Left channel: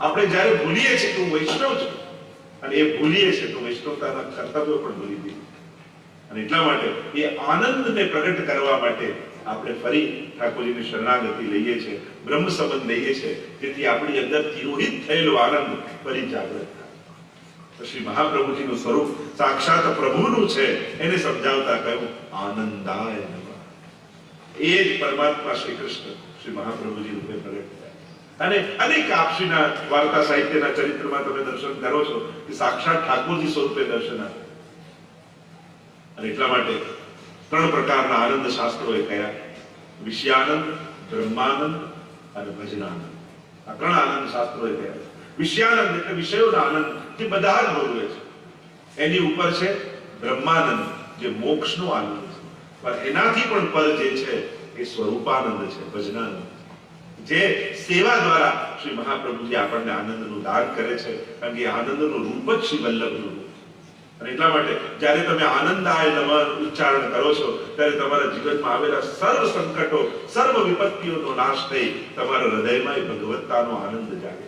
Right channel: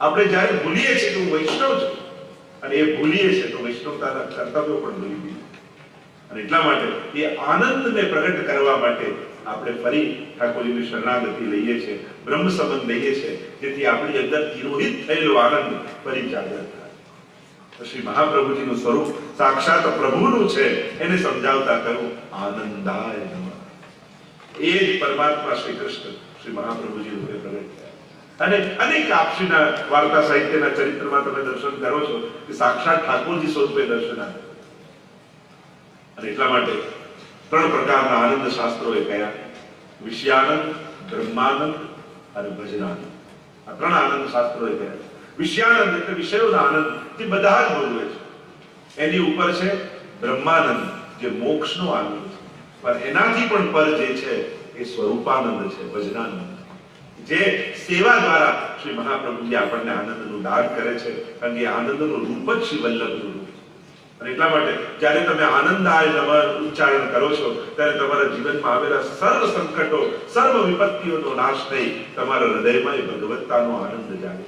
આપણે જ્યારે ભૂલીએ છીએ કે હું વૈષ્ણવ છું, અને એ ભૂલીએ છીએ તો વૈષ્ણવતાના કર્તવ્યો પણ ભૂલી દઈએ. અને એટલા માટે એ આનંદને પ્રગટ કરવા માટે આપણે ફરી ઠાકોરજીની શરણાગતિ લઈએ છીએ, બ્રહ્મ સંબંધ લઈએ છીએ, જેથી આપણી અંદર તિરોહિત થયેલો આનંદ ફરી જાગૃત થાય. તો શ્રી મહાપ્રભુજીનું સ્વરૂપ સાક્ષાત પ્રભુનું છે, એને સમજાવતા કહ્યું આનંદાય નમઃ. એ જ પરમાત્મા શ્રી કૃષ્ણ શ્રી મહાપ્રભુજી રૂપે પ્રગટ થયા. અને અનેક આપશ્રીના વાર્તા સાહિત્યના ચરિત્રમાં તમે દર્શન કરો છો કે સાક્ષાત ઠાકોરજી સ્વરૂપે દર્શન આપે. અને એટલા માટે ત્રણ પ્રકારના આનંદ શાસ્ત્રોએ કયા: વિષયાનંદ, બ્રહ્માનંદ અને ભજનાનંદ. આ ત્રણ આનંદ શાસ્ત્રોએ કયા. વિષયાનંદ એટલે વિષયોના આનંદ, જે બધા જ ભોગવે છે. એની ઉપર છે બ્રહ્માનંદ, જે મોક્ષનો આનંદ છે. પણ એનાથી પણ પર જે છે એ સ્વરૂપાનંદ છે, ભજનાનંદ, જે સેવા દ્વારા શ્રી મહાપ્રભુજી આપણને આનંદનું દાન કરે છે. કારણ કે આનંદનું રૂપ જ શ્રી વલ્લભનું રૂપ. અને એટલા માટે જ્યારે તમે આનંદાય નમઃ ઉચ્ચારણ કરો છો ત્યારે તમારા જીવનમાં આવેલા સર્વ સંકટો, સર્વ વિપત્તિઓનો નાશ થઈ તમારા હૃદયમાં ભગવત્તાનો આનંદ જાગે.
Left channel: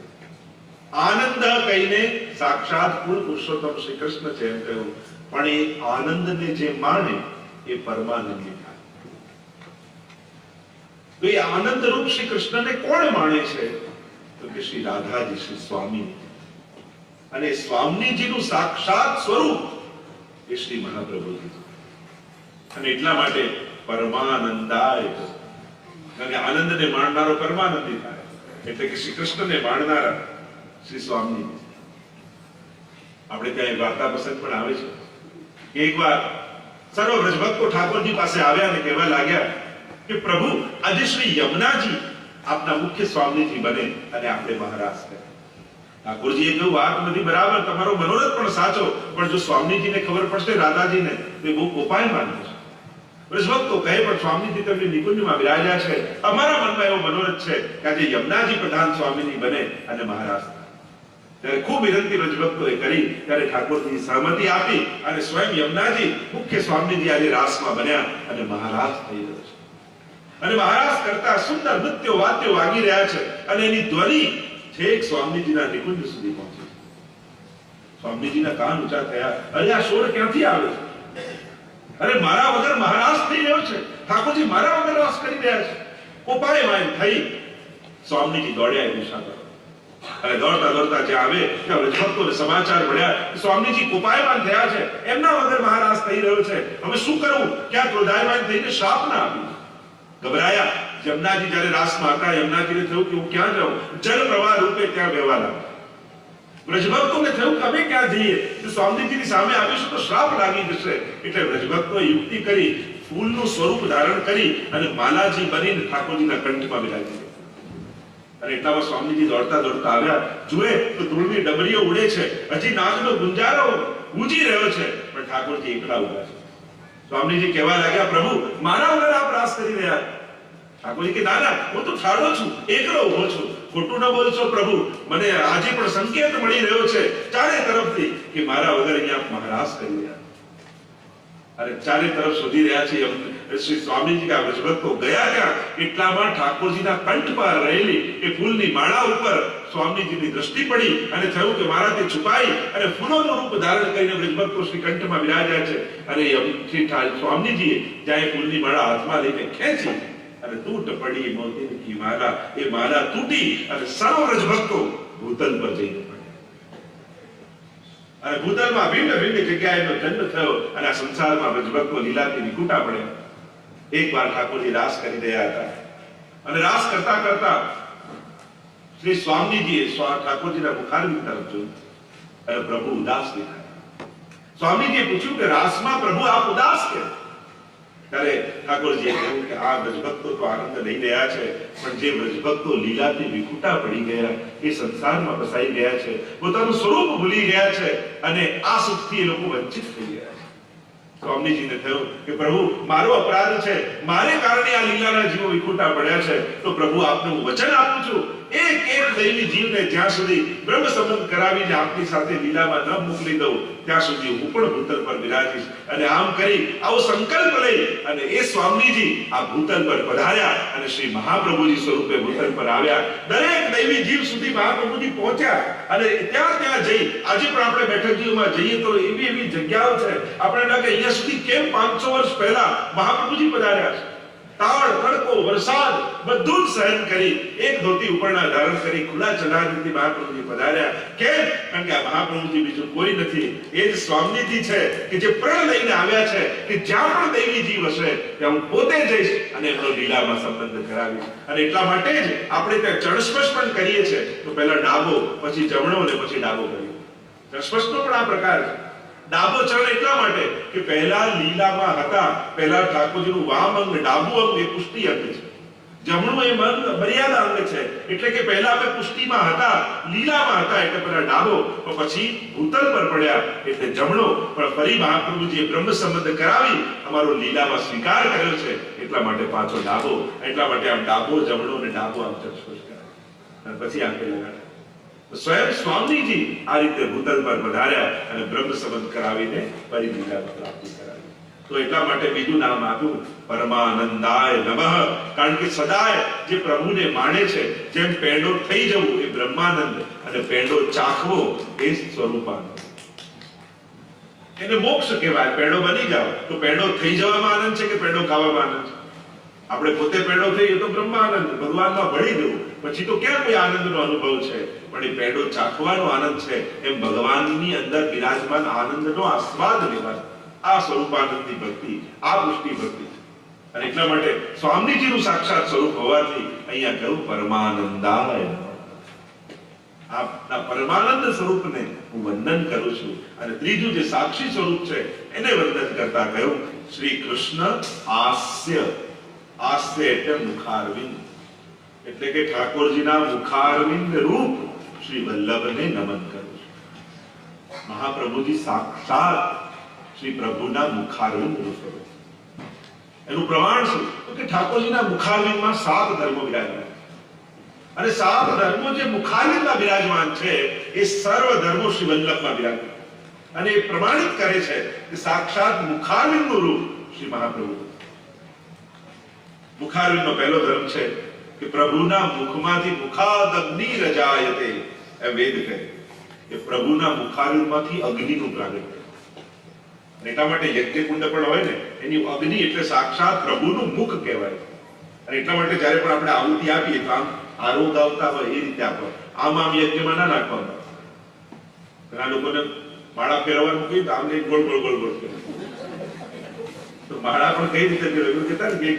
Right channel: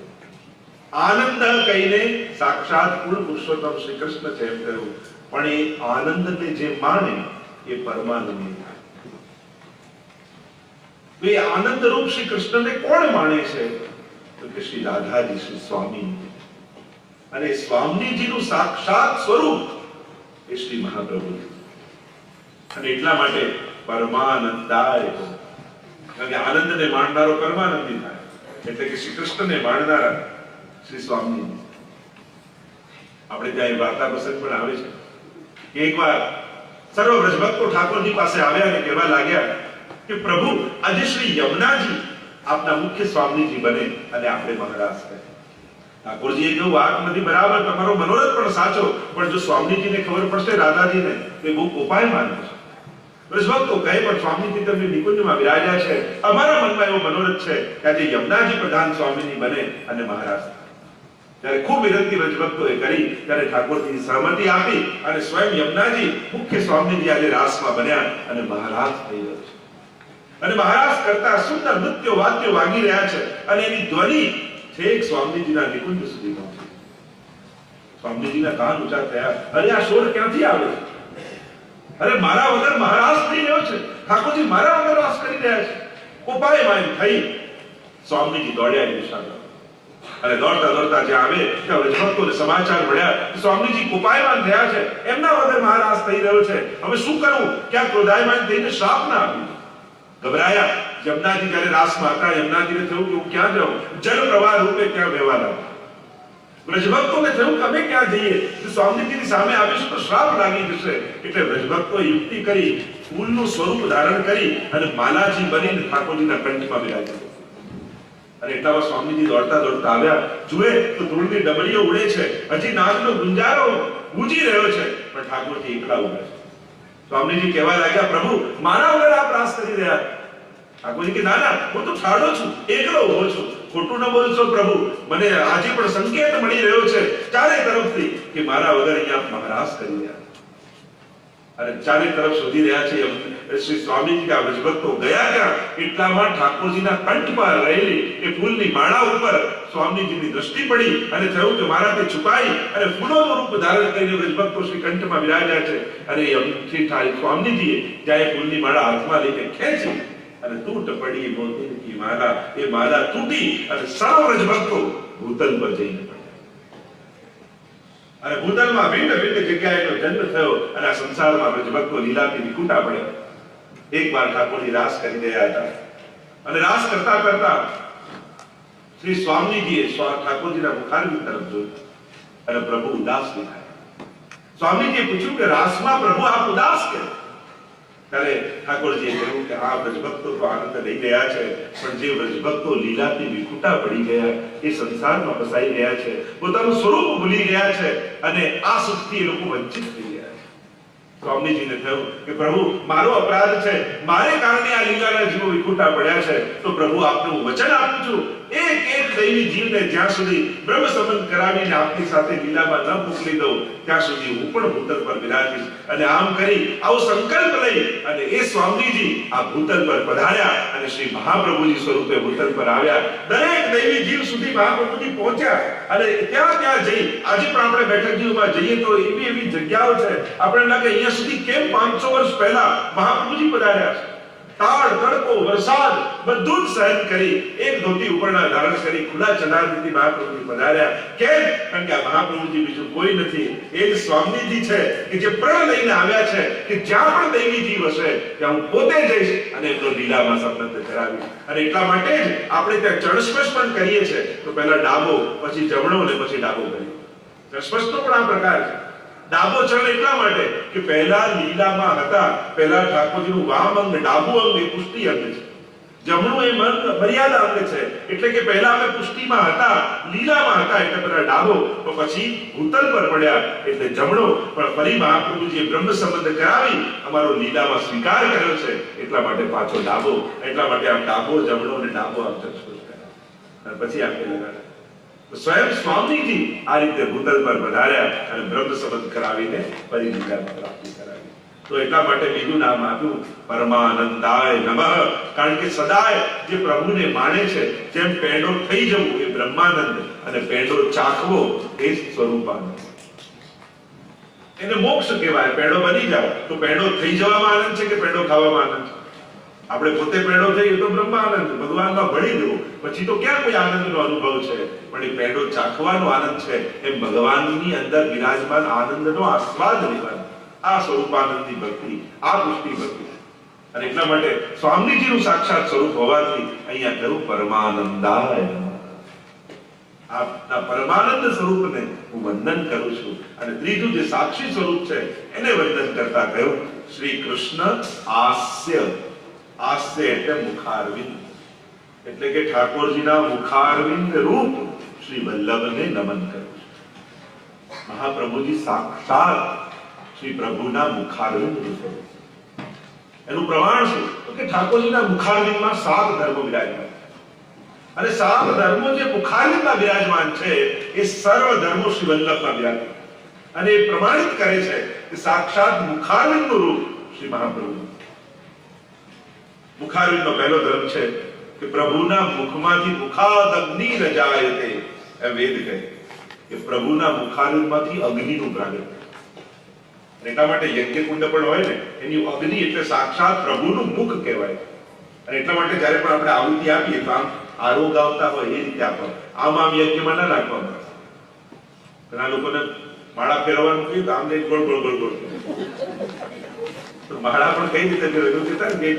આનંદ કહીને સાક્ષાત પૂર્ણ પુરુષોત્તમ શ્રી કૃષ્ણ છે એમ કહ્યું. પણ એ આનંદને જે માણે એ પરમાનંદી થાય. તો એ આનંદ રૂપ શ્રી કૃષ્ણને કોણ માણે છે? તો કે શ્રી રાધાજી, શ્રી સ્વામી. અને સ્વામીજીનું સાક્ષાત સ્વરૂપ એ શ્રી મહાપ્રભુજી. અને એટલા માટે પરમાનંદાય, કારણ કે આનંદને માણનારો પરમાનંદી થાય. એટલે કે શ્રી કૃષ્ણને માણનારા શ્રી સ્વામીજી. આપણે ત્યાં વાર્તા પ્રસંગ પણ આવે છે કે એકવાર સર્વ વ્રજભક્તો ઠાકોરજી પાસે આવ્યા અને કહેવા લાગ્યા કે પ્રભુ, આજે શ્રી યમુનાજી આપના મુખ્ય સ્વામીજી બને અને આપણે મહારાજ થાય. ઠાકોરજીએ કહ્યું, વાત બધી બરાબર, તમારો મનોરથ પણ સાચો, પણ જો સ્વામીજીને ખબર પડશે રાધાજીને તો એ બહુ કોપાયમાન થશે. વ્રજભક્તો કહે, પણ સ્વામીજી તેમની નિકુંજમાં બિરાજ્યા છે, અમારા મનમાં એવો મનોરથ છે કે આજે યમુનાજી પ્રધાન સ્વામીજી બને અને મહારાજ થાય. ત્યારે ખૂબ વિનંતી વ્રજભક્તોએ કરી ત્યારે ઠાકોરજી સહમતિ આપી અને સ્વયં યમુનાજી મુખ્ય સ્વામીજી આજે રાસમાં બન્યા અને મહારાજ થઈ રહ્યા છે. અને મહારાજ કરતા સુંદર નૃત્યો વાદ્યો વાગી રહ્યા છે અને એની ધ્વનિ છેક સ્વામીજીના નિકુંજ સુધી પહોંચી. સ્વામીજીના કાન ઊંચા થયા, અરે આ શોર ક્યાંથી આવે છે? અરે મારા વગર મહારાજ થઈ રહ્યો છે, ઠાકોરજી મારા વગર રાસ કરી રહ્યા છે. કોપાયમાન થઈ સ્વામીજી દોડ્યા એ દિશા તરફ. અને દોડતા દોડતા જ્યાં આવે ત્યાં વ્રજભક્તોને સમાચાર મળ્યા કે સ્વામીજી કોપાયમાન થયા છે, એમના વગર મહારાજ થઈ રહ્યો છે, હવે શું કરવું? ક્યાં ક્રોધાયમાન થઈને શ્રાપ ના આપ્યું. ગભરાયા. યમુનાજી જ્યારે રાસમાં હતા, યમુનાજીને થયું કે હું ક્યાં જાઉં? જલ પ્રવાહ રૂપે ત્યાં વહેવા લાગ્યા. વ્રજભક્તોને થયું કે અમે ક્યાં જઈએ? જો સ્વામીજીની સામે આવીશું તો શ્રાપ લાગી જશે. એટલે વ્રજભક્તોએ યુક્તિ કરી, ફૂલનું સ્વરૂપ ધારણ કરી અને માલાજી બનીને ઠાકોરજીના કંઠમાં બિરાજ્યા. અને એટલામાં સ્વામીજી દોડતા દોડતા આવ્યા. જુએ તો ધૂળની ડમરીઓ ઉડે છે, હજી નાગનો ગુંજારો ગુંજી રહ્યો છે, પણ ઠાકોરજી એકલા ઉભા છે. સ્વામીજી કહેવા લાગ્યા, પ્રભુ મારા વગર આપ રાસ કરી રહ્યા. ઠાકોરજી કે ના ના, હું તો ઠાડો છું, એકલો ઉભો છું. ખોટું ન બોલશો પ્રભુ, મને આજે પણ સંકેત મળી રહ્યો છે ચારે તરફથી કે મારા વગર અહીંયા આપ મહારાજ કરી રહ્યા. અને ચારે તરફ શોધી રહ્યા છે શ્રી સ્વામીજી કે આ વ્રજભક્તો ગયા ત્યાં. એટલામાં ઠાકોરજીના કંઠ પર રહેલી એ ફૂલની માળા ઉપર સ્વામીજીની દ્રષ્ટિ પડી અને થયું કે મારાથી છુપાઈ અને ફૂલોનું રૂપ ધારણ કરીને વ્રજભક્તો શ્રી કંઠમાં બિરાજ્યા છે. અને શ્રી સ્વામીજીએ જ્યાં એ ફૂલની માળા હાથમાં લઈને ખેંચી અને તૂટ પડી મોતી કી માલા. એ માલા તૂટી અને સર્વ વ્રજભક્તો ભૂતલ પર જઈને પડ્યા. અને ભૂતલમાં ભિન્ન ભિન્ન જગ્યાએનો જન્મ થયો અને આ સંસારમાં વ્રજભક્તો લીલાથી વિકુટા પડ્યા. એકવાર ઠાકોરજી રાસ કરી રહ્યા હતા અને રાસ કરતા કરતા શ્રી સ્વામીજીએ ઠાકોરજીના મુખારવિંદ તરફ જોયું અને પ્રભુ ઉદાસ દેખાયા. સ્વામીજીએ પૂછ્યું કે રાસમાં પ્રભુ આપ ઉદાસ કેમ? ત્યારે ઠાકોરજીએ કહ્યું કે આ વ્રજભક્તો તો આનંદ લઈ રહ્યા છે, પણ જે વ્રજભક્તો લીલાથી વિખૂટા પડી ગયા, એ સંસારમાં ફસાઈ ગયા છે, પોતાનું સ્વરૂપ ભૂલી ગયા છે અને આ સુખથી એ લોકો વંચિત થઈ ગયા છે. સ્વામીજીને થયું કે પ્રભુ મારો અપરાધ છે, મારે કારણે આ લીલાના જીવો વિખૂટા પડ્યા છે, તો પ્રભુ આપને હું વચન આપું છું, એક એક દૈવી જીવને જ્યાં સુધી બ્રહ્મ સંબંધ કરાવીને આપની સાથે લીલામાં ન મોકલી દઉં ત્યાં સુધી હું પણ ભૂતલ પર બિરાજીશ. અને આમ કરી આવો સંકલ્પ લઈ અને એ સ્વામીજી આ ભૂતલ પર પધાર્યા અને શ્રી મહાપ્રભુજી સ્વરૂપે ભૂતલ પર આવ્યા. દરેક દૈવી જીવ સુધી મહાપ્રભુજી પહોંચ્યા અને ત્યાં જઈ આજે પણ આપણે બેઠકજીઓમાં જઈએ તો એવી જગ્યાઓ છે આપણે લાગે અહીંયા સુધી કેમ 500 વર્ષ પહેલા મહાપ્રભુજી પધાર્યા છે. તાળ તડકો વરસાદ બધું જ સહન કરી એક ધોતી ઉપરના ધારણ કરી ખુલ્લા ચલાવીથી મહાપ્રભુજી પધાર્યા. કેમ? કારણ કે આ મહાપ્રભુજી બીજું કોઈ નથી, એ જ સ્વામીજી છે કે જે પ્રણ લઈને આવ્યા છે કે જ્યાં પણ દૈવી જીવ હશે ત્યાં હું પોતે જઈશ અને એમનો લીલામાં સંબંધ કરાવીશ. અને એટલા માટે જ આપણે ત્યાં ચણસ્પર્શ પણ કરીએ છીએ તો પહેલા ડાબો પછી જમણો અને પછી ડાબો કરીએ. ચણસ્પર્શનો પણ આ પ્રકાર છે. ડાબો ચરણ એટલા માટે કે પહેલા લીલામાં હતા, પહેલા ઠાકોરજીનું વામ અંગ ડાબુ અંગ એ પુષ્ટિ અંગ છે, જમણું એ મર્યાદા અંગ છે. એટલે કે પહેલા અમે પુષ્ટિમાં હતા, લીલામાં હતા એટલે પહેલા ડાબો, પછી ભૂતલ પર પડ્યા એટલે જમણો. પણ ફરી મહાપ્રભુજીએ બ્રહ્મ સંબંધ કરાવી અમારો લીલામાં સ્વીકાર કર્યો છે એટલા માટે પાછો ડાબો. એટલા માટે આમ ડાબો જમણો અને ડાબો આમ ચર્ચા કરાય અને પછી આંખે લગાડે. સ્વયં સ્વામીજી આ રીતે ભૂતલ પર પધાર્યા અને બ્રહ્મ સંબંધ કરાવીને ફરી લીલામાં પ્રાપ્તિ કરાવી. તો એટલા માટે બીજું નામ આપ્યું પરમાનંદાય નમઃ. કારણ કે સદાય જે પ્રભુને માને છે, જેમ પેંડો થઈ જવું એ બ્રહ્માનંદ અને પેંડો ચાખવો એ સ્વરૂપાનંદ. એને મોક્ષ કહેવાય. પેંડો બની જાવ તો પેંડો થઈ જવામાં આનંદ છે કે પેંડો ખાવામાં આનંદ છે? આપણે પોતે પેંડો થઈએ તો બ્રહ્માનંદ ભગવાનમાં ભળી જવું, પછી તો ક્યાં કોઈ આનંદનો અનુભવ છે? પણ એ પેંડો ચાખવાનો આનંદ છે. એમ ભગવાનની અંદર બિરાજમાન આનંદનો આસ્વાદ લેવાનો આ સ્વરૂપાનંદની ભક્તિ, આ પુષ્ટિ ભક્તિ. અને એટલા માટે સ્વામીજીનું સાક્ષાત સ્વરૂપ હોવાથી અહીંયા કહ્યું પરમાનંદાય. આપના પરમાનંદ સ્વરૂપને હું વંદન કરું છું. અને ત્રીજું જે સાક્ષી સ્વરૂપ છે એને વંદન કરતા કહ્યું શ્રી કૃષ્ણ આસ્ય. આસ્ય એટલે મુખારવિંદ, એટલે કે ઠાકોરજીના મુખારવિંદ રૂપ શ્રી વલ્લભને નમન કરું છું. મહાપ્રભુજી સાક્ષાત શ્રી પ્રભુના મુખારવિંદ રૂપ. એનું પ્રમાણ શું? તો કે ઠાકોરજીના મુખારવિંદમાં 7 ધર્મો બિરાજમાન અને 7 ધર્મો જે મુખારવિંદમાં બિરાજમાન છે એ સર્વ ધર્મો શ્રી વલ્લભમાં બિરાજમાન. અને એ પ્રમાણિત કરે છે કે સાક્ષાત મુખારવિંદનું રૂપ શ્રી મહાપ્રભુ. મુખારવિંદનો પહેલો ધર્મ છે કે પ્રભુના મુખમાંથી મુખાદ અગ્નિ રજાયતે. એ વેદ કહે કે પ્રભુના મુખારવિંદમાંથી અગ્નિનું પ્રાગટ્ય. એટલા માટે યજ્ઞકુંડ પણ હોય ને એની અગ્નિ એટલે સાક્ષાત પ્રભુનું મુખ કહેવાય. અને એટલા માટે જ્યારે પણ આપણે આહુતિ આપીએ તો આમ આરોગ આવતા હોય એ રીતે આપો. આમ યજ્ઞમાં ના નાખવાનું. ઘણા લોકોને માળા ફેરવવાનું કહ્યું તો આમ લઈ ગોળ ગોળ ગોળ ગોળ તો માળા પણ કઈ રીતે ફેરવ્યું કહેતા ને કે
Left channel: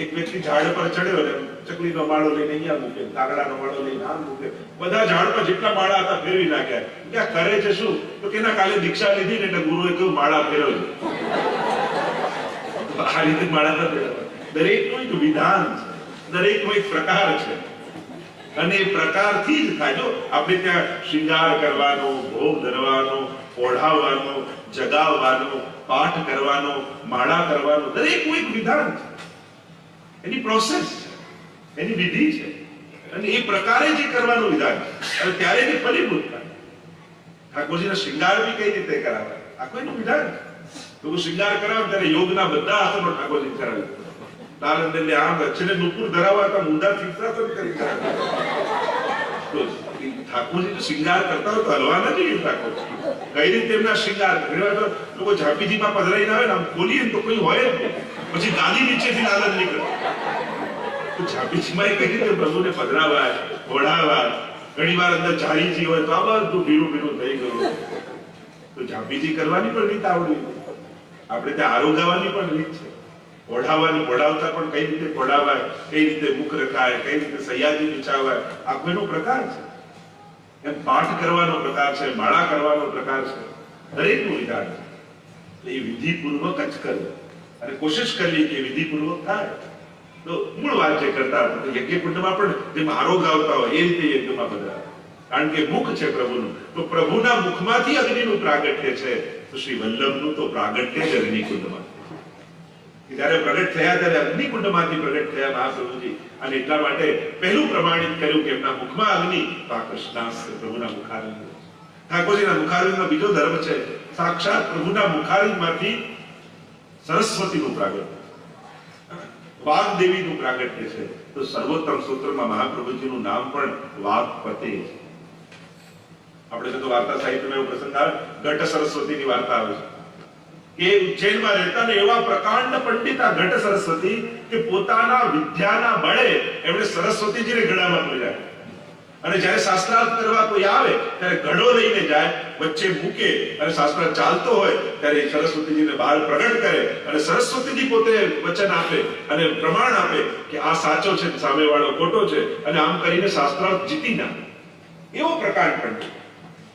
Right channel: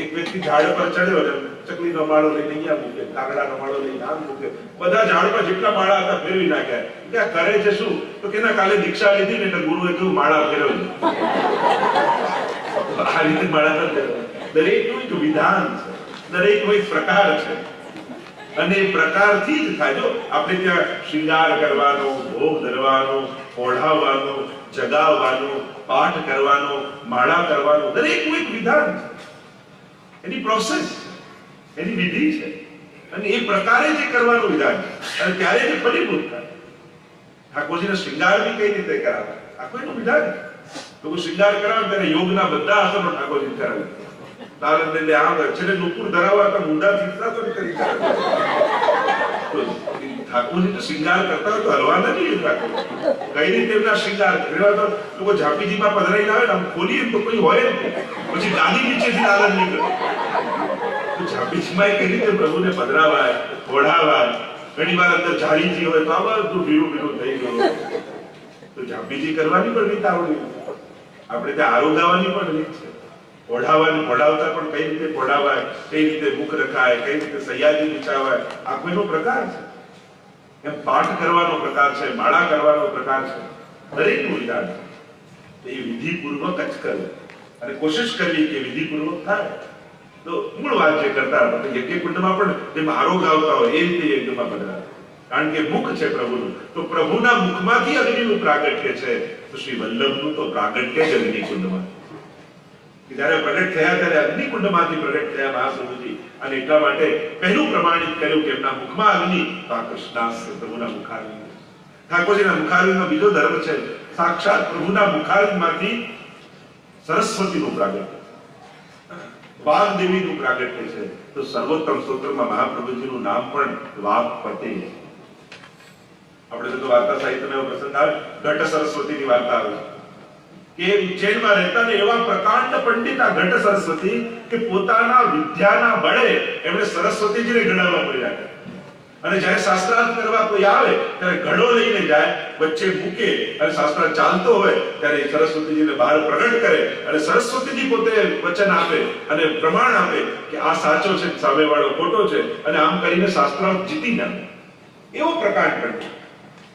એક વ્યક્તિ ઝાડ પર ચડ્યો ને ચકલીનો માળો લઈને અહીંયા મૂકે, કાગડાનો માળો લઈને આમ મૂકે, બધા ઝાડ પર જેટલા માળા હતા ફેરવી નાખ્યા. કે આ કરે છે શું? તો કે કાલે દીક્ષા લીધી ને એટલે ગુરુએ કહ્યું માળા ફેરવજો. આ રીતે માળા દરેકનું એક વિધાન છે, દરેકનો એક પ્રકાર છે અને એ પ્રકારથી જ થાય. જો આપણે ત્યાં શૃંગાર કરવાનો, ભોગ ધરવાનો, ઓઢાવવાનો, જગાવવાનો, પાઠ કરવાનો, માળા કરવાનો દરેકનું એક વિધાન છે, એની પ્રોસેસ છે, એની વિધિ છે અને એ પ્રકારે જે કરવાનું વિધાન છે અને ત્યારે જે ફલીભૂત થાય. ઠાકોરજીને શૃંગાર બી કઈ રીતે કરાવે આખું એનું વિધાન છે. લોકો શૃંગાર કરાવે ત્યારે યોગના બધા આસનો ઠાકોરજી કરાવે. તાલન એટલે આમ છેલ્લે નુપુર ધરાવવા હતા મુંડા શીર્ષાસન કરી કરાવે. ઠાકોરજી તો શૃંગાર કરતા હોય તો હલવા નથી. ઠાકોર કઈ રીતે એમના શૃંગાર ઘણીવાર તો લોકો ઝાંપીજીમાં પધરાઈને આવે ને આમ ખોલીએ તો કોઈ હોય જ નહીં, પછી ગાદી નીચેથી લાલન નીકળે. તો ઝાંપીજીમાં કઈ રીતે પ્રભુને પધરાવાય, ઓઢાવાય. ઘણીવાર અંદર ઝારીજી હોય તો આ બધું ભીરું ભીરું થઈ ગયું. તો ઝાંપીજી કરવાની પણ રીત આવડવી, આપણે ત્યાં આરોગાવાની પણ રીત છે, ઓઢાવાની ઓઢાવતા પણ કઈ રીતે ઓઢાવાય, કઈ રીતે મુખ રખાય, કઈ રીતે સૈયાજી વિછાવાય, આખો એનો પ્રકાર છે. એમ પાઠ કરવાનો પ્રકાર છે, માળા કરવાનો પ્રકાર છે, દરેકનું વિધાન છે. તો એ વિધિપૂર્વક જ કરવું અને કોશિશ કરવી કે વિધિપૂર્વક થાય. તો મૂળ વાત જે કરતા હતા યજ્ઞકુંડમાં પણ જેમ આરોગ આવતા હોય એ રીતે યજ્ઞમાં પધરાવે. કારણ કે મુખ છે પ્રભુનું, તો પ્રભુના મુખમાંથી અગ્નિનું પ્રાગટ્ય છે. તો શ્રી વલ્લભનું તો પ્રાગટ્ય જ અગ્નિકુંડમાં. જયારે પ્રગટ થયા ત્યારે અગ્નિકુંડમાંથી પ્રગટ થયા મહાપ્રભુજી. અને એટલા માટે પહેલું પ્રમાણિત કર્યું કે એમના મુખમાં અગ્નિ, તો આ કૃષ્ણાસ્ત્ર પ્રભુના મુખારવિંદ. ઠાકોરજીના મુખારવિંદનો બીજો ધર્મ છે, સાક્ષાત પ્રભુના મુખારવિંદમાંથી સરસ્વતીનું પ્રાગટ્ય, વાગ્દેવીનું પ્રાગટ્ય છે. તો સર્વોત્તમ સ્તોત્રમાં મહાપ્રભુજીનું નામ પણ વાગ્પતે. આપણે તો વાર્તા સાહિત્યમાં એવો પ્રસંગ આવે, ઘટ સરસ્વતીની વાર્તા આવે છે કે ઉજ્જૈનમાં રહેતા ને એવા પ્રકાંડ પંડિતા ઘટ સરસ્વતી કે પોતાના વિદ્યાના બળે એમણે સરસ્વતીજીને ઘડામાં પૂરી રાખી. અને જ્યારે શાસ્ત્રાર્થ કરવા કોઈ આવે ત્યારે ઘડો લઈને જાય, વચ્ચે મૂકે અને શાસ્ત્રાર્થ ચાલતો હોય ત્યારે સરસ્વતીજીને બહાર પ્રગટ કરે અને સરસ્વતીજી પોતે વચન આપે અને પ્રમાણ આપે કે આ સાચો છે, સામેવાળો ખોટો છે, અને આમ કરીને શાસ્ત્રાર્થ જીતી નાખે. એવો પ્રકાંડ પંડિત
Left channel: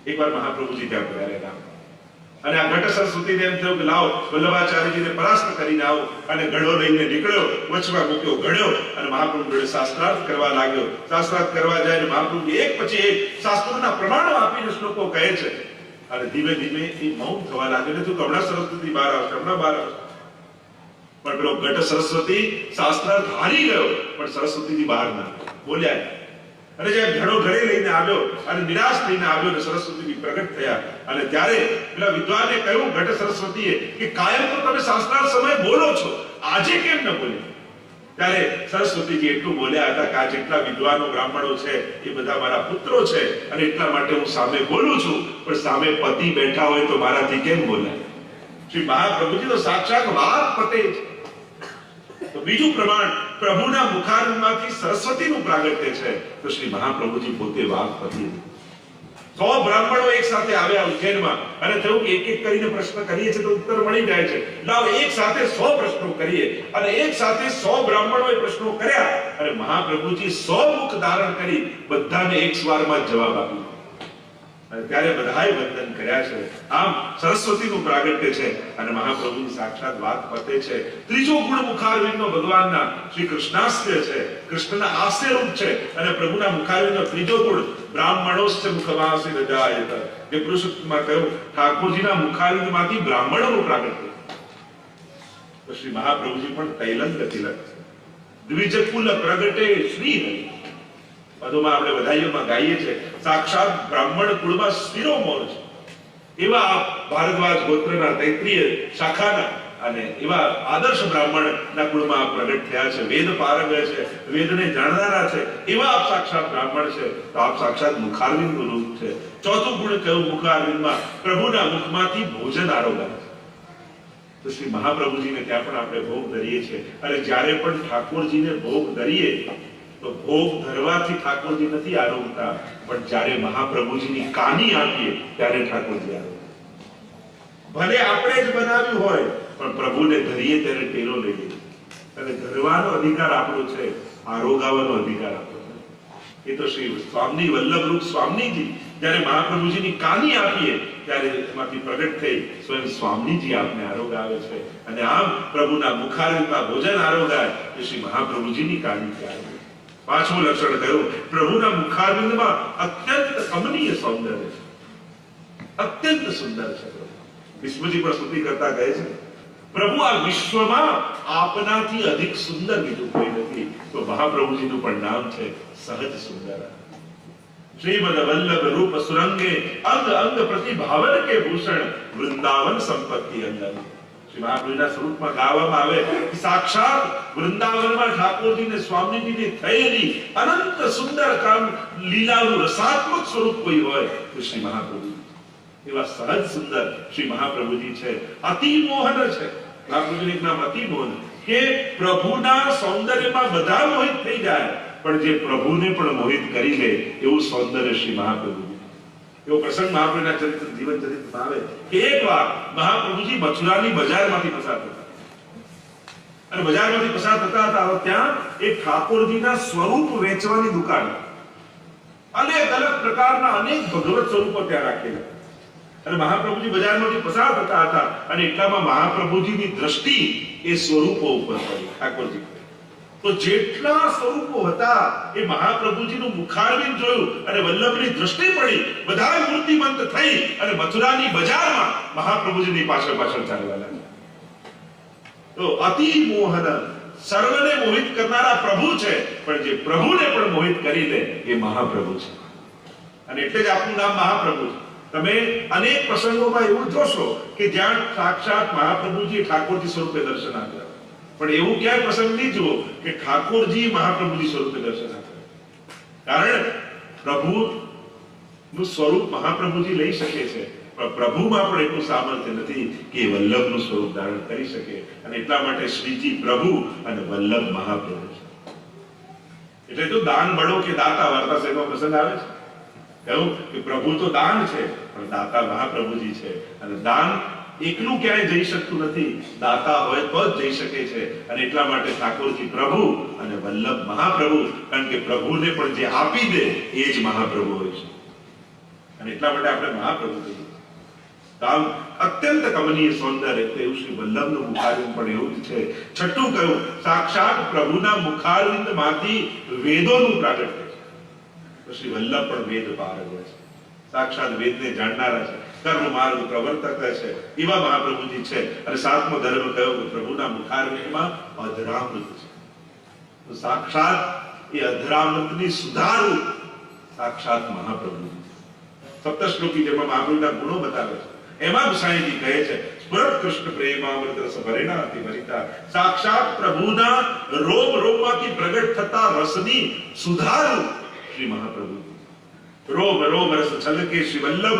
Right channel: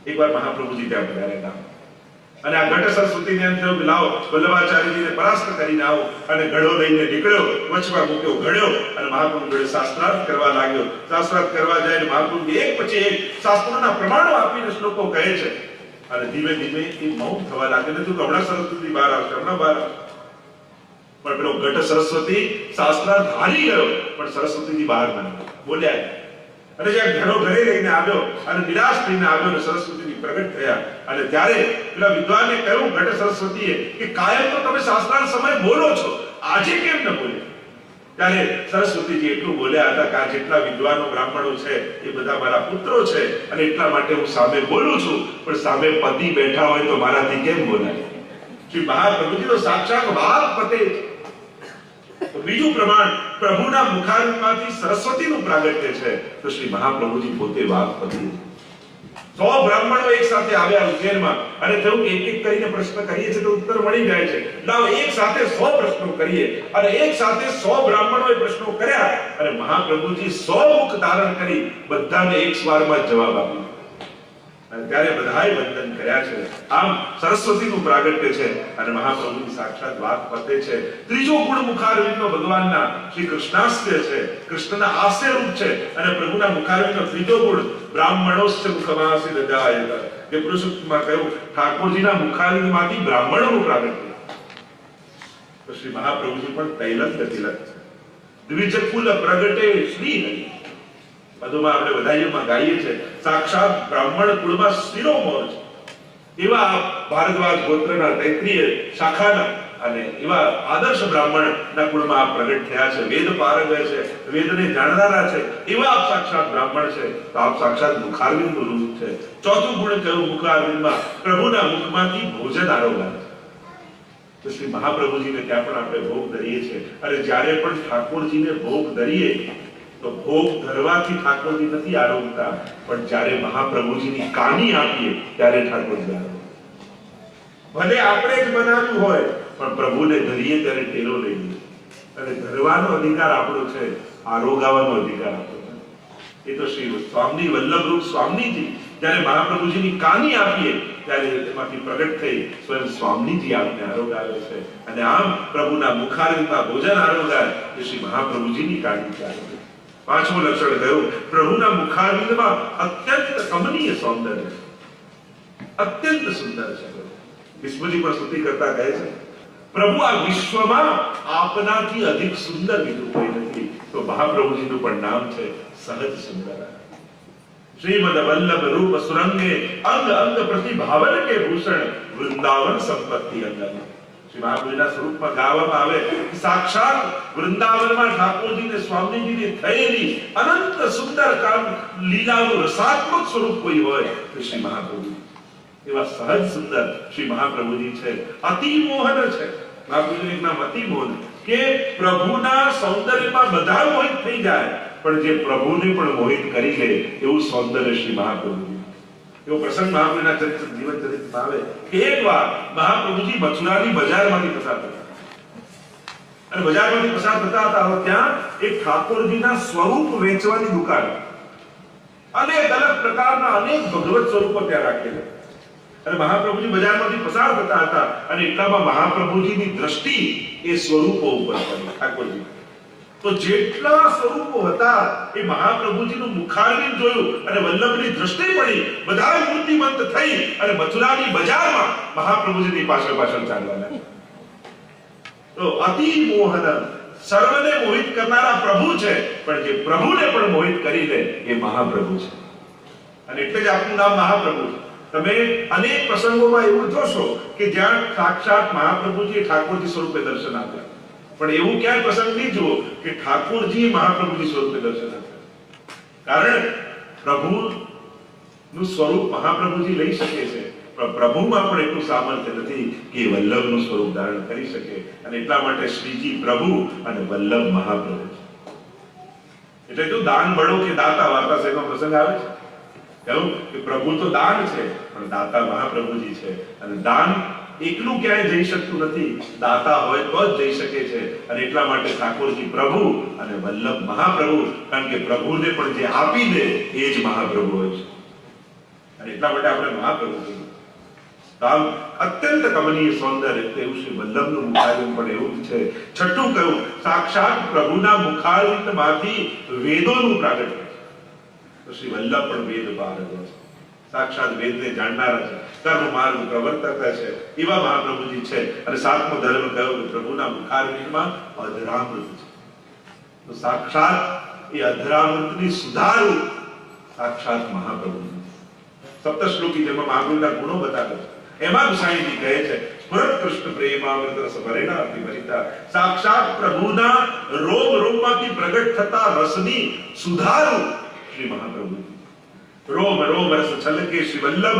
એકવાર મહાપ્રભુજી ત્યાં પધારેલા અને આ ઘટ સરસ્વતીને એમ થયું કે લાવો વલ્લભાચાર્યજીને પરાસ્ત કરીને આવો, અને ઘડો લઈને નીકળ્યો, વચમાં મૂક્યો, ઘડ્યો અને મહાપ્રભુ જોડે શાસ્ત્રાર્થ કરવા લાગ્યો. શાસ્ત્રાર્થ કરવા જાય મહાપ્રભુ એક પછી એક શાસ્ત્રોના પ્રમાણો આપીને શ્લોકો કહે છે અને ધીમે ધીમે એ મૌન થવા લાગે. નથી તો હમણાં સરસ્વતી બહાર આવશે, હમણાં બહાર આવશે, પણ પેલો ઘટ સરસ્વતી શાસ્ત્રાર્થ હારી ગયો પણ સરસ્વતીજી બહાર ના બોલ્યા નહીં. અને જ્યારે ઘડો ઘરે લઈને આવ્યો અને નિરાશ થઈને આવ્યો અને સરસ્વતીજી પ્રગટ થયા અને ત્યારે પેલા વિદ્વાનને કહ્યું ઘટ સરસ્વતીએ કે કાયમ તો તમે શાસ્ત્રાર્થ સમય બોલો છો, આજે કેમ ન બોલ્યા? ત્યારે સરસ્વતીજી એટલું બોલ્યા હતા કે આ જેટલા વિદ્વાનો બ્રાહ્મણો છે એ બધા મારા પુત્રો છે અને એટલા માટે હું સામે બોલું છું, પણ સામે પતિ બેઠા હોય તો મારાથી કેમ બોલાય? શ્રી મહાપ્રભુજી તો સાક્ષાત વાગ્પતે છે. તો બીજું પ્રમાણ પ્રભુના મુખારમાંથી સરસ્વતીનું પ્રાગટ્ય છે, તો શ્રી મહાપ્રભુજી પોતે વાગ્પતિ. 100 બ્રાહ્મણો એક સાથે આવ્યા ઉજ્જૈનમાં અને થયું કે એક એક કરીને પ્રશ્ન કરીએ છીએ તો ઉત્તર મળી જાય છે, લાવ એક સાથે 100 પ્રશ્નો કરીએ. અને એક સાથે 100 બ્રાહ્મણોએ પ્રશ્નો કર્યા અને મહાપ્રભુજી 100 મુખ ધારણ કરી બધાને એક સ્વરમાં જવાબ આપ્યો અને ત્યારે બધાએ વંદન કર્યા છે. આમ સરસ્વતીનું પ્રાગટ્ય છે અને મહાપ્રભુની સાક્ષાત વાગ્પતે છે. ત્રીજો ગુણ મુખારવિંદનો ભગવાનના શ્રી કૃષ્ણાસ્ય છે, કૃષ્ણના હાસ્ય રૂપ છે. અને પ્રભુના મુખારવિંદનો ત્રીજો ગુણ બ્રાહ્મણોસ્ય મુખમાસી રજાયત. જે પુરુષોત્તમમાં કહ્યું ઠાકોરજીના મુખારવિંદમાંથી બ્રાહ્મણોનું પ્રાગટ્ય. તો શ્રી મહાપ્રભુજી પણ તૈલંગ તિલક છે. દ્વિજકુલ પ્રગટે શ્રી હરિ. બધુમાં આપણે બધાઈઓમાં ગાઈએ છીએ સાક્ષાત બ્રાહ્મણ કુળમાં શિરોમોર છે. એવા ભારદ્વાજ ગોત્રના તૈત્રીય શાખાના અને એવા આદર્શ બ્રાહ્મણના કુળમાં આપ પ્રગટ થયા છે. વેદ પારંગ છે, વેદને જાણનારા છે, એવા આપ સાક્ષાત બ્રાહ્મણ છે. તો આપ સાક્ષાત મુખારવિંદનું રૂપ છે. ચોથું ગુણ કયું મુખારવિંદમાં પ્રભુના મુખમાંથી ભોજન આરોગાય છે. તો શ્રી મહાપ્રભુજીને ત્યાં પણ આપણે ભોગ ધરીએ છીએ અને જ્યારે પણ ઠાકોરજીને ભોગ ધરીએ તો ભોગ ધરવાથી ઠાકોરજી નથી આરોગતા, પણ જ્યારે મહાપ્રભુજીની કાની આપીએ ત્યારે ઠાકોરજી આરોગે. ભલે આપણે જ બનાવ્યું હોય પણ પ્રભુને ધરીએ ત્યારે ટેરો લઈએ અને ધરવાનો અધિકાર આપણો છે, આરોગાવાનો અધિકાર આપણો છે. એ તો શ્રી સ્વામી વલ્લભરૂપ સ્વામીજી જ્યારે મહાપ્રભુજીની કાની આપીએ ત્યારે એમાંથી પ્રગટ થઈ સ્વયં સ્વામીજી આપને આરોગાવે છે. અને આમ પ્રભુના મુખારવિંદમાં ભોજન આરોગાય એ શ્રી મહાપ્રભુજીની કાની આરોગે. પાંચમું લક્ષણ કહ્યું પ્રભુના મુખારવિંદમાં અત્યંત કમનીય સૌંદર્ય છે, અત્યંત સુંદર છે. વિષ્ણુજી પણ સ્તુતિ કરતા કહે છે પ્રભુ આ વિશ્વમાં આપનાથી અધિક સુંદર બીજું કોઈ નથી. તો મહાપ્રભુજીનું પણ નામ છે સહજ સુંદર. શ્રીમદ વલ્લભ રૂપ સુરંગે અંગ અંગ પ્રતિભાવન કે ભૂષણ વૃંદાવન સંપત્તિ અંગમ. શ્રી મહાપ્રભુના સ્વરૂપમાં ગાવામાં આવે સાક્ષાત વૃંદાવનમાં ઠાકોરજીને સ્વામીજીને થયેલી અનંત સુંદર કામ લીલાનું રસાત્મક સ્વરૂપ કોઈ હોય તો શ્રી મહાપ્રભુ. એવા સહજ સુંદર શ્રી મહાપ્રભુજી છે. અતિ મોહન છે. મહાપ્રભુજીનું એક નામ અતિ મોહન, કે પ્રભુના સૌંદર્યમાં બધા મોહિત થઈ જાય પણ જે પ્રભુને પણ મોહિત કરી લે એવું સૌંદર્ય શ્રી મહાપ્રભુજી. એવો પ્રસંગ મહાપ્રભુના ચરિત્ર જીવન ચરિત્રમાં આવે કે એકવાર મહાપ્રભુજી મથુરાની બજારમાંથી પસાર થતા અને બજારમાંથી પસાર થતા હતા ત્યાં એક ઠાકોરજીના સ્વરૂપ વેચવાની દુકાન, અનેક અલગ પ્રકારના અનેક ભગવત સ્વરૂપો ત્યાં રાખેલા. અને મહાપ્રભુજી બજારમાંથી પસાર થતા હતા અને એટલામાં મહાપ્રભુજીની દ્રષ્ટિ એ સ્વરૂપો ઉપર પડી. ઠાકોરજી તો જેટલા સ્વરૂપો હતા એ મહાપ્રભુજીનું મુખારવિંદ જોયું અને વલ્લભની દ્રષ્ટિ પડી, બધા મૂર્તિમંત થઈ અને મથુરાની બજારમાં મહાપ્રભુજીની પાછળ પાછળ ચાલવા લાગ્યા. તો અતિ મોહન, સર્વને મોહિત કરનારા પ્રભુ છે, પણ જે પ્રભુને પણ મોહિત કરી લે એ મહાપ્રભુ છે. અને એટલે જ આપનું નામ મહાપ્રભુ છે. તમે અનેક પ્રસંગોમાં એવું જોશો કે જ્યાં સાક્ષાત મહાપ્રભુજી ઠાકોરજી સ્વરૂપે દર્શન આપ્યા, પણ એવું ક્યાંય પ્રસંગ નહીં જુઓ કે ઠાકોરજી મહાપ્રભુજી સ્વરૂપે દર્શન આપ્યા. કારણ પ્રભુ નું સ્વરૂપ મહાપ્રભુજી લઈ શકે છે, પણ પ્રભુમાં પણ એટલું સામર્થ્ય નથી કે વલ્લભનું સ્વરૂપ ધારણ કરી શકે. અને એટલા માટે શ્રીજી પ્રભુ અને વલ્લભ મહાપ્રભુ છે. એટલે જો દાન બળો કે દાતા વાર્તા શેનો પ્રસંગ આવે છે, કહ્યું કે પ્રભુ તો દાન છે, પણ દાતા મહાપ્રભુજી છે. અને દાન એકલું ક્યાંય જઈ શકતું નથી, દાતા હોય તો જ જઈ શકે છે. અને એટલા માટે ઠાકોરજી પ્રભુ અને વલ્લભ મહાપ્રભુ, કારણ કે પ્રભુને પણ જે આપી દે એ જ મહાપ્રભુ હોય છે. અને એટલા માટે આપણે મહાપ્રભુ કહીએ. તો આમ અત્યંત કમનીય સૌંદર્ય એવું શ્રી વલ્લભનું મુખારવિંદ પણ એવું જ છે. છઠ્ઠું કહ્યું, સાક્ષાત પ્રભુના મુખારવિંદમાંથી વેદોનું પ્રાગટ્ય છે. તો શ્રી વલ્લભ પણ વેદ પારંગત છે, સાક્ષાત વેદને જાણનારા છે, કર્મ માર્ગ પ્રવર્તક છે, એવા મહાપ્રભુજી છે. અને સાતમો ધર્મ કયો કે પ્રભુના મુખારવિંદમાં અધરામૃત છે. તો સાક્ષાત એ અધરામૃતની સુધારું સાક્ષાત મહાપ્રભુજી. સપ્ત શ્લોકી જેમાં મહાપ્રભુના ગુણો બતાવે છે, એમાં ગુસાઈજી કહે છે, સ્મૃત કૃષ્ણ પ્રેમામૃત રસ ભરેના અતિ ભરિતા. સાક્ષાત પ્રભુના રોમ રોમમાંથી પ્રગટ થતા રસની સુધારું શ્રી મહાપ્રભુજી. રોમ રોમ રસ છલકે શ્રી વલ્લભ,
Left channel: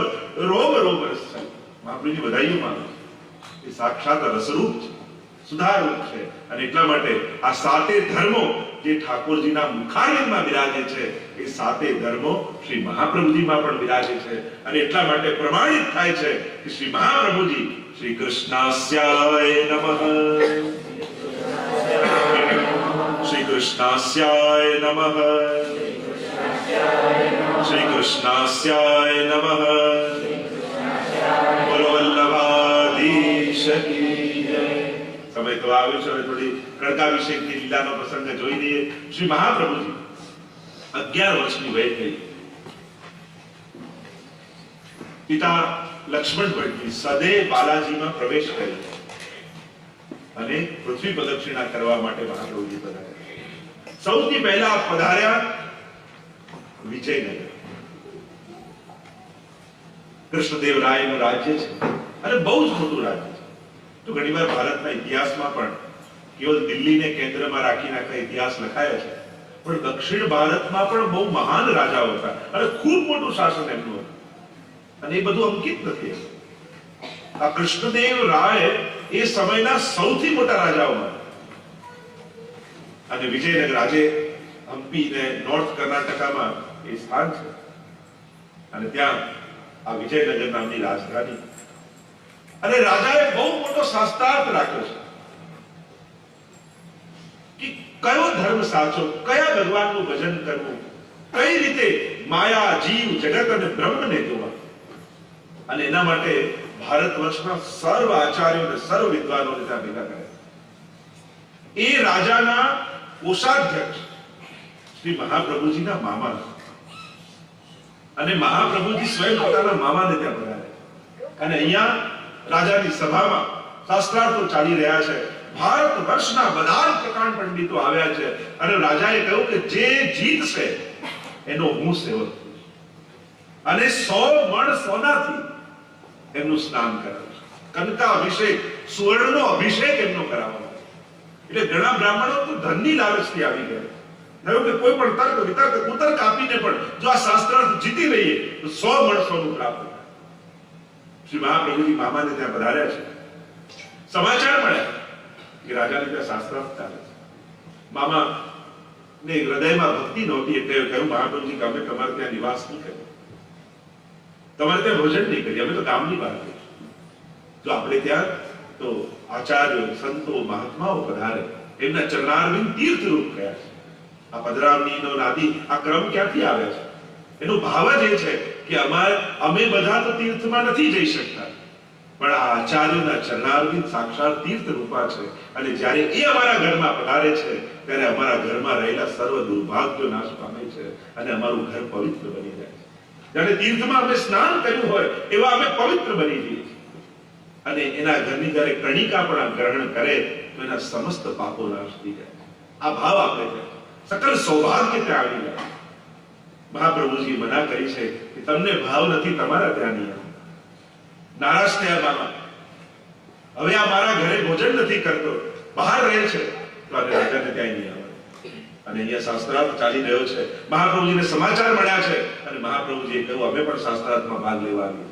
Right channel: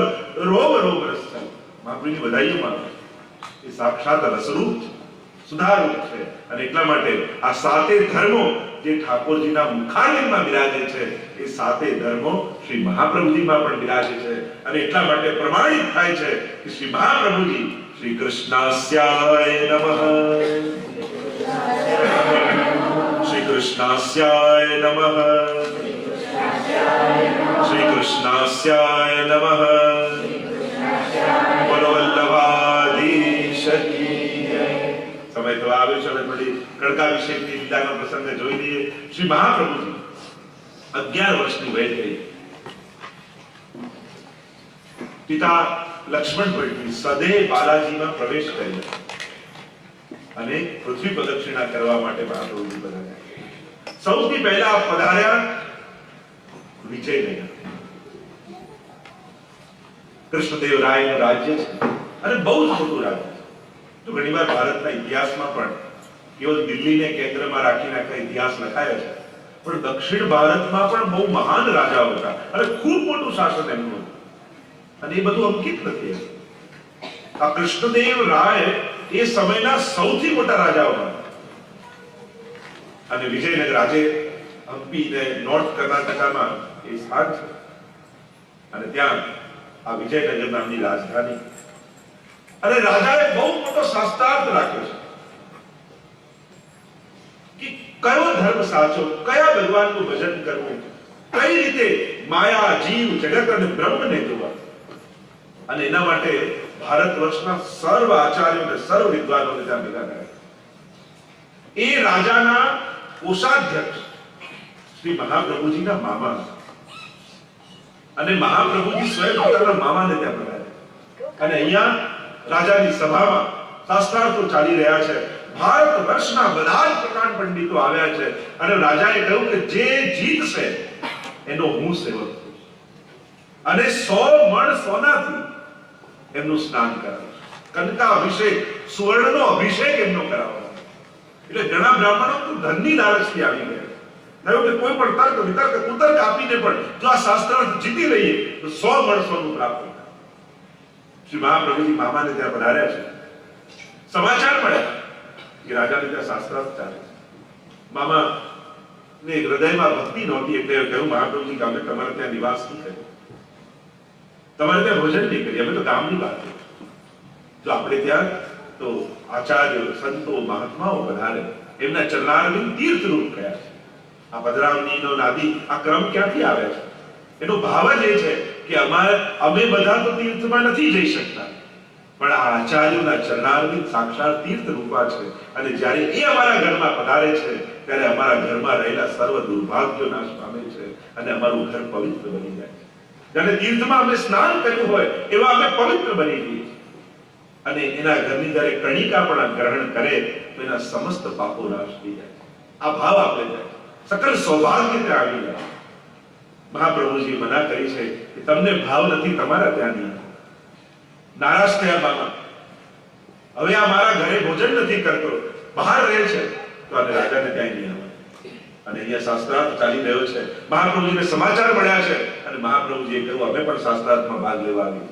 રોમ રોમ રસ છલકે. મહાપ્રભુની વધાઈઓમાં એ સાક્ષાત રસરૂપ છે, સુધારૂપ છે. અને એટલા માટે આ સાતે ધર્મો જે ઠાકોરજીના મુખારવિંદમાં બિરાજે છે, એ સાતે ધર્મો શ્રી મહાપ્રભુજીમાં પણ બિરાજે છે. અને એટલા માટે પ્રમાણિત થાય છે કે શ્રી મહાપ્રભુજી શ્રી કૃષ્ણાસ્યાય નમઃ, શ્રી કૃષ્ણાસ્યાય નમઃ, શ્રી કૃષ્ણાસ્યાય નમઃ. બોલો વલ્લભાધીશ કી જય. સમય તો આવ્યો છે, હવે થોડી કણકાભિષેકની લીલાનો પ્રસંગ જોઈ લઈએ. શ્રી મહાપ્રભુજી 11 વર્ષની વય થઈ. પિતા લક્ષ્મણ ભટ્ટજી સદે બાલાજીમાં પ્રવેશ કર્યો અને પૃથ્વી પ્રદક્ષિણા કરવા માટે મહાપ્રભુજી પધાર્યા. સૌથી પહેલા પધાર્યા વિજયનગર. કૃષ્ણદેવરાયનું રાજ્ય છે અને બહુ જ મોટું રાજ્ય છે. તો ઘણીવાર ભારતના ઇતિહાસમાં પણ કેવલ દિલ્હીને કેન્દ્રમાં રાખીને આખા ઇતિહાસ લખાયો છે, પણ દક્ષિણ ભારતમાં પણ બહુ મહાન રાજાઓ હતા અને ખૂબ મોટું શાસન એમનું હતું. અને એ બધું અંકિત નથી. આ કૃષ્ણદેવ રાય એ સમયના સૌથી મોટા રાજાઓમાં. અને વિજયનગર આજે હમ્પી ને નોર્થ કર્ણાટકામાં એ સ્થાન છે. અને ત્યાં આ વિજયનગર નામની રાજધાની. અને રાજાએ બહુ મોટો શાસ્ત્રાર્થ રાખ્યો છે કે કયો ધર્મ સાચો, કયા ભગવાનનું ભજન કરવું, કઈ રીતે માયા, જીવ, જગત અને બ્રહ્મને જોવા. અને એના માટે ભારત વર્ષના સર્વ આચાર્યો અને સર્વ વિદ્વાનોને ત્યાં ભેગા કર્યા. એ રાજાના કોષાધ્યક્ષ શ્રી મહાપ્રભુજીના મામા, અને મહાપ્રભુજી સ્વયં પોતાના મામાને ત્યાં બોલાવ્યા. અને અહીંયા રાજાની સભામાં શાસ્ત્રાર્થો ચાલી રહ્યા છે. ભારત વર્ષના બધા જ પ્રકાંડ પંડિતો આવ્યા છે. અને રાજાએ કહ્યું કે જે જીતશે એનો હું સેવક છું, અને 100 મણ સોનાથી એમનું સ્નાન કરાવશે. કનકા અભિષેક, સુવર્ણનો અભિષેક એમનો કરાવવાનો. એટલે ઘણા બ્રાહ્મણો તો ધનની લાલચથી આવી ગયા. થયું કે કોઈ પણ તર્ક વિતર્ક કુતર્ક આપીને પણ જો આ શાસ્ત્રાર્થ જીતી લઈએ તો 100 મણ સોનું પ્રાપ્ત થાય. શ્રી મહાપ્રભુજી મામાને ત્યાં પધાર્યા છે. સમાચાર મળ્યા કે રાજાને ત્યાં શાસ્ત્રાર્થ ચાલે છે. મામા ને હૃદયમાં ભક્તિ નહોતી, એટલે કહ્યું મહાપ્રભુજી કે અમે તમારે ત્યાં નિવાસ નહીં કર્યો, તમારે ત્યાં ભોજન નહીં કરીએ, અમે તો કામની વાત કરી. જો આપણે ત્યાં તો આચાર્યો, સંતો, મહાત્માઓ પધારે, એમના ચરણારવિંદ તીર્થરૂપ કયા છે. આ પધરામણીનો નાદી આ ક્રમ ક્યાંથી આવ્યા છે? એનો ભાવ જ એ છે કે અમે બધા તો તીર્થમાં નથી જઈ શકતા, પણ આ આચાર્યોના ચરણારવિંદ સાક્ષાત તીર્થ રૂપા છે. અને જ્યારે એ અમારા ઘરમાં પધારે છે ત્યારે અમારા ઘરમાં રહેલા સર્વ દુર્ભાગ્યો નાશ પામે છે અને અમારું ઘર પવિત્ર બની જાય છે. જ્યારે તીર્થમાં અમે સ્નાન કર્યું હોય એવા અમે પવિત્ર બની જઈએ છીએ. અને એના ઘરની જ્યારે કણિકા પણ ગ્રહણ કરે તો એના સમસ્ત પાપો નાશ થઈ જાય. આ ભાવ આપણે થાય, સકલ સૌભાગ્ય ત્યાં આવી જાય. મહાપ્રભુજી મના કરી છે કે તમને ભાવ નથી તમારા ત્યાં નહીં. નારાજ થયા મામા, હવે આ મારા ઘરે ભોજન નથી કરતો, બહાર રહે છે, તો આને રાજાને ક્યાંય નહીં આવે. અને અહીંયા શાસ્ત્રાર્થ ચાલી રહ્યો છે. મહાપ્રભુજીને સમાચાર મળ્યા છે અને મહાપ્રભુજીએ કહ્યું અમે પણ શાસ્ત્રાર્થમાં ભાગ લેવા આવ્યું.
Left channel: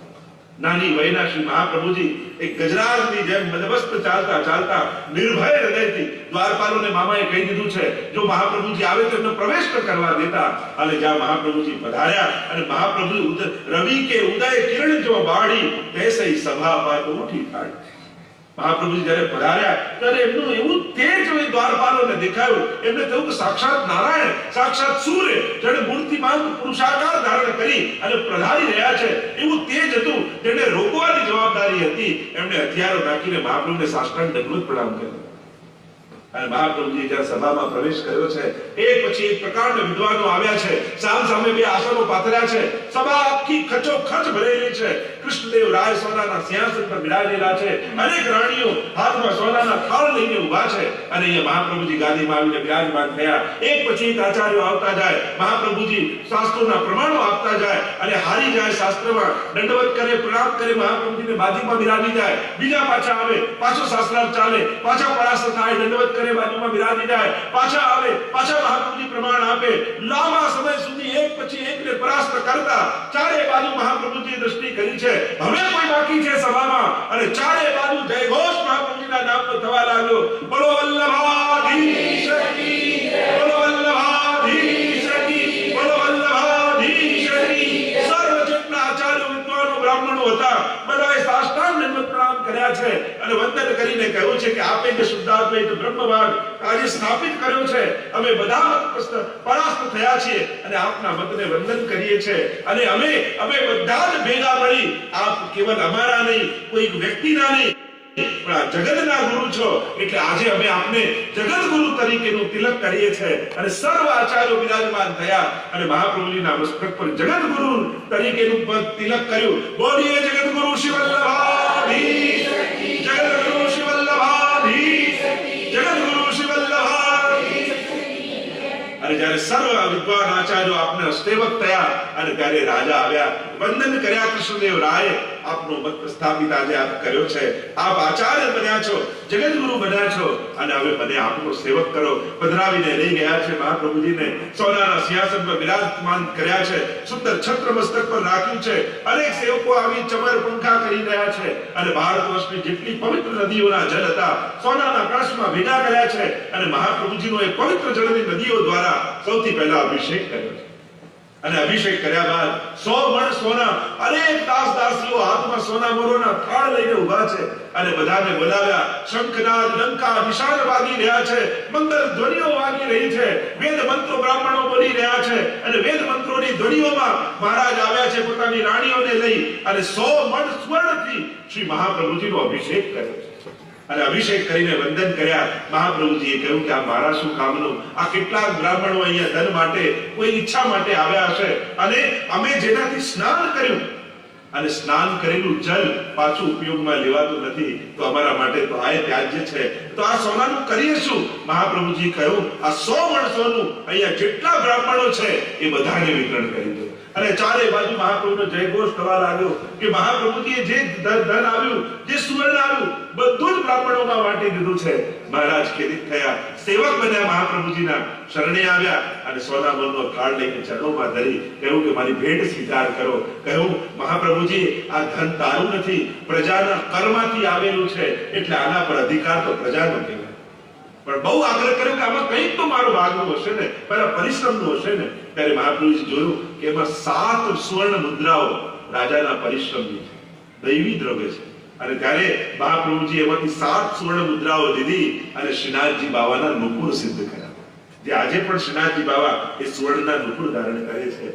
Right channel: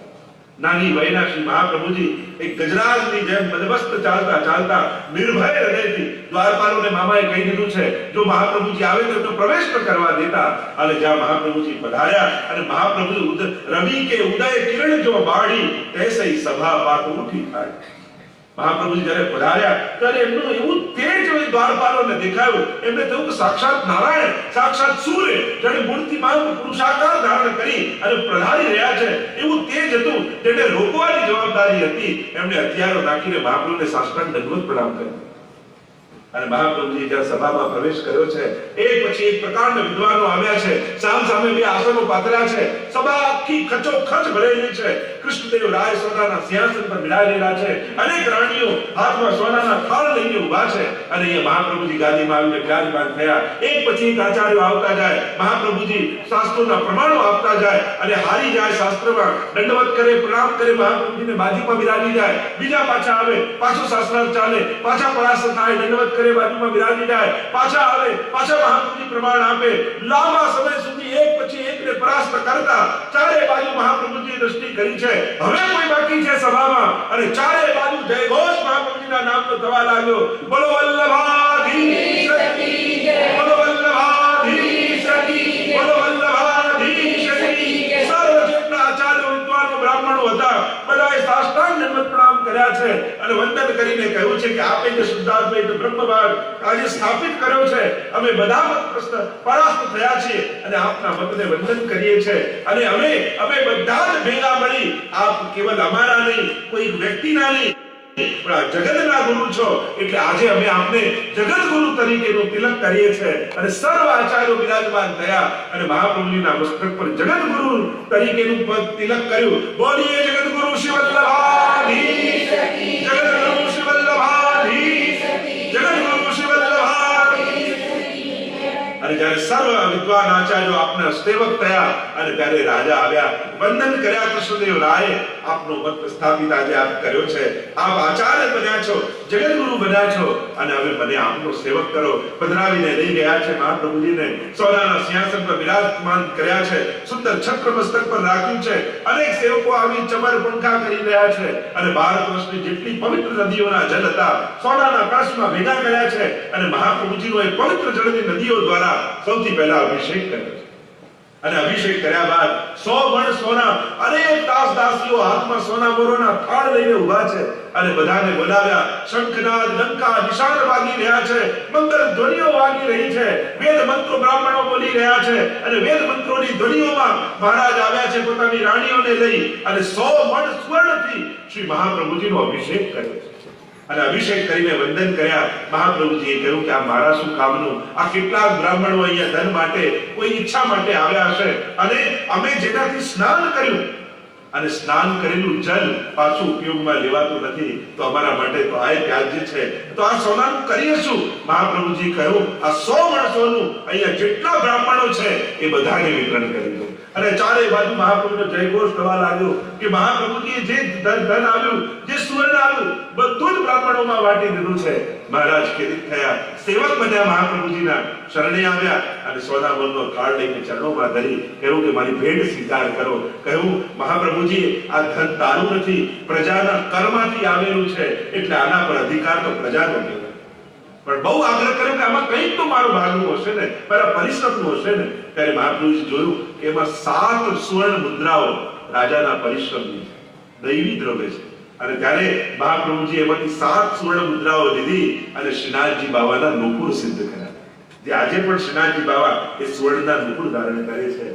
નાની વયના શ્રી મહાપ્રભુજી એક ગજરાજની જેમ મદમસ્ત ચાલતા ચાલતા નિર્ભય હૃદયથી દ્વારપાલોને મામાએ કહી દીધું છે જો મહાપ્રભુજી આવે તો એમનો પ્રવેશ ન કરવા દેતા. અને જ્યાં મહાપ્રભુજી પધાર્યા અને મહાપ્રભુ રવિ કે ઉદય કિરણ જો બાળી તૈસઈ સભા પાટ ઉઠી થાળી. મહાપ્રભુજી જ્યારે પધાર્યા ત્યારે એમનું એવું તેજ દ્વારપાલોને દેખાયું. એમને થયું કે સાક્ષાત નારાયણ, સાક્ષાત સૂર્ય જેને મૂર્તિમાન પુરુષાકાર ધારણ કરી અને પધારી રહ્યા છે એવું તેજ હતું. જેને રોકવાની જવાબદારી હતી એમણે હથિયારો નાખીને મહાપ્રભુને સાષ્ટાંગ દંડવત પ્રણામ કર્યો. અને મહાપ્રભુજી જ્યારે સભામાં પ્રવેશ કર્યો છે એક પછી એક પ્રકારના વિદ્વાનો આવ્યા છે. સામ સામે બે આસનો પાથર્યા છે. સભા આખી ખચોખચ ભરેલી છે. કૃષ્ણદેવ રાય સોનાના સિંહાસન પર બિરાજેલા છે. અનેક રાણીઓ હાથમાં સોનાના થાળ લઈને ઊભા છે. અને અહીંયા મહાપ્રભુજી ગાદીમાં આવીને બિરાજમાન થયા. એક પછી એક આચાર્યો આવતા જાય. મહાપ્રભુજી શાસ્ત્રોના પ્રમાણો આપતા જાય અને હારી જાય શાસ્ત્રમાં, દંડવત કરે, પ્રણામ કરે, મહાપ્રભુજીને બાજુમાં બિરાજી જાય. બીજા પાછા આવે, પાછો શાસ્ત્રાર્થ ચાલે, પાછા પરાસ્ત થાય, દંડવત કરે, બાજુમાં બિરાજી જાય, પાછા આવે, પાછા મહાપ્રભુજી પ્રમાણ આપે. લાંબા સમય સુધી એક પછી એકને પરાસ્ત કરતા ચારે બાજુ મહાપ્રભુજીએ દ્રષ્ટિ કરી છે. હવે કોઈ બાકી છે સભામાં અને ચારે બાજુ જયઘોષ મહાપ્રભુજીના નામનો થવા લાગ્યો. બોલો વલ્લભાધીશ કી જય, બોલો વલ્લભાધીશ કી, બોલો વલ્લભાધીશ કી. સર્વ જેટલા આચાર્યો, વિદ્વાનો, બ્રાહ્મણો હતા બધાએ સાષ્ટાંગ દંડવત પ્રણામ કર્યા છે અને વંદન કરીને કહ્યું છે કે આપે જે શુદ્ધાદ્વૈત બ્રહ્મવાદ આજે સ્થાપિત કર્યો છે, અમે બધા મત પરાસ્ત થયા છીએ અને આપના મતને વંદન કરીએ છીએ. અને અમે બધા જ ભેગા મળી, આપ કેવલ અમારા નહીં, કોઈ એક વ્યક્તિના નહીં, પણ આ જગતના ગુરુ છો એટલે આજે અમે આપને જગત ગુરુ તરીકેનું તિલક કરીએ છીએ. અને સર્વ આચાર્યો બિરાજમાન થયા અને મહાપ્રભુજીના મસ્તક પર જગત ગુરુ તરીકેનું તિલક કર્યું. બોલીએ જગત ગુરુ શ્રી વલ્લભાધીશ કી, જગત ગુરુ શ્રી વલ્લભાધીશ કી, જગત ગુરુ શ્રી વલ્લભાધીશ કી. અને જ્યારે સર્વ વિદ્વાન આચાર્યો આપના સેવક થયા અને ત્યારે રાજા આવ્યા, વંદન કર્યા. કૃષ્ણદેવ રાય આપનો મત સ્થાપિત આજે આપ કર્યો છે. આપ આચાર્ય બન્યા છો, જગત ગુરુ બન્યા છો અને હવે મને આપનો સેવક કરો. પધરાવીને લઈ ગયા છે મહાપ્રભુજીને, સોનાના સિંહાસન પર બિરાજમાન કર્યા છે, સુંદર છત્ર મસ્તક પર રાખ્યું છે. અનેક સેવકો આવી ચમર પંખા કરી રહ્યા છે અને ભારત વર્ષની જેટલી પવિત્ર નદીઓના જળ હતા સોનાના કળશમાં ભેગા કર્યા છે અને મહાપ્રભુજીનો એ પવિત્ર જળની નદીઓ દ્વારા સૌથી પહેલા અભિષેક કર્યો છે. અને અભિષેક કર્યા બાદ 100 મણ સોના, અનેક દાસ દાસીઓ હાથમાં સોના મોરોના થાળ લઈને ઊભા છે અને બધાને બોલાવ્યા. શંખનાદ, ડંકા, નિશાન વાગી રહ્યા છે, મંગલ ધ્વનિઓ વાગી રહી છે, વેદ મંત્રો બ્રાહ્મણો બોલી રહ્યા છે અને વેદ મંત્રોની ધ્વનિઓમાં મહારાજ આવ્યા છે પોતાની રાણીઓને લઈ અને 100 મણ સુવર્ણથી શ્રી મહાપ્રભુજીનો અભિષેક કર્યો છે. અને અભિષેક કરીને વંદન કર્યા. મહાપ્રભુજીએ કહ્યું કે આ મારા શું કામનું? આ કેટલાક બ્રાહ્મણો અહીંયા ધન માટે, કોઈ ઈચ્છા માટે આવ્યા હશે અને અમે જેનાથી સ્નાન કર્યું અને સ્નાન કરેલું જલ પાછું ઉપયોગમાં લેવાતું નથી તો અમારા માટે તો આ ત્યાજ્ય છે. તો આ સોનાનું કરીએ શું? મહાપ્રભુજી કહ્યું આ 100 મણ સોનું અહીંયા જેટલા બ્રાહ્મણો છે એ બધાને વિતરણ કરી દો. અને ચારે બાજુ મહાપ્રભુનો જયઘોષ થવા લાગ્યો કે મહાપ્રભુજીએ જે ધન આવ્યું, જે સુવર્ણ આવ્યું બધું જ બ્રાહ્મણોમાં વાટી દીધું છે. મહારાજ ખેદિત થયા, સેવક બન્યા, મહાપ્રભુજીના શરણે આવ્યા અને સોના મણનો થાળ લઈને ચરણોમાં ધરી કહ્યું કે મારી ભેટ સ્વીકાર કરો. કહ્યું મહાપ્રભુજી આ ધન તારું નથી, પ્રજાના કરમાંથી આવેલું છે એટલે આના પર અધિકાર તો પ્રજાનો કહેવાય. પણ બહુ આગ્રહ કર્યો કે આમાં કંઈક તો મારું ભાગનું હશે ને, પેલા પરિશ્રમનું હશે ને. ત્યારે મહાપ્રભુજી જોયું કે એમાં 7 સુવર્ણ મુદ્રાઓ રાજાના પરિશ્રમની છે, દૈવી દ્રવ્ય છે. અને ત્યારે મહાપ્રભુજી એમાંથી 7 સુવર્ણ મુદ્રાઓ લીધી અને શ્રીનાથજી બાવાના નુપુર સિદ્ધ કર્યા. જે આજે પણ શ્રીનાથજી બાવા એ સુવર્ણના નુપુર ધારણ કરે છે.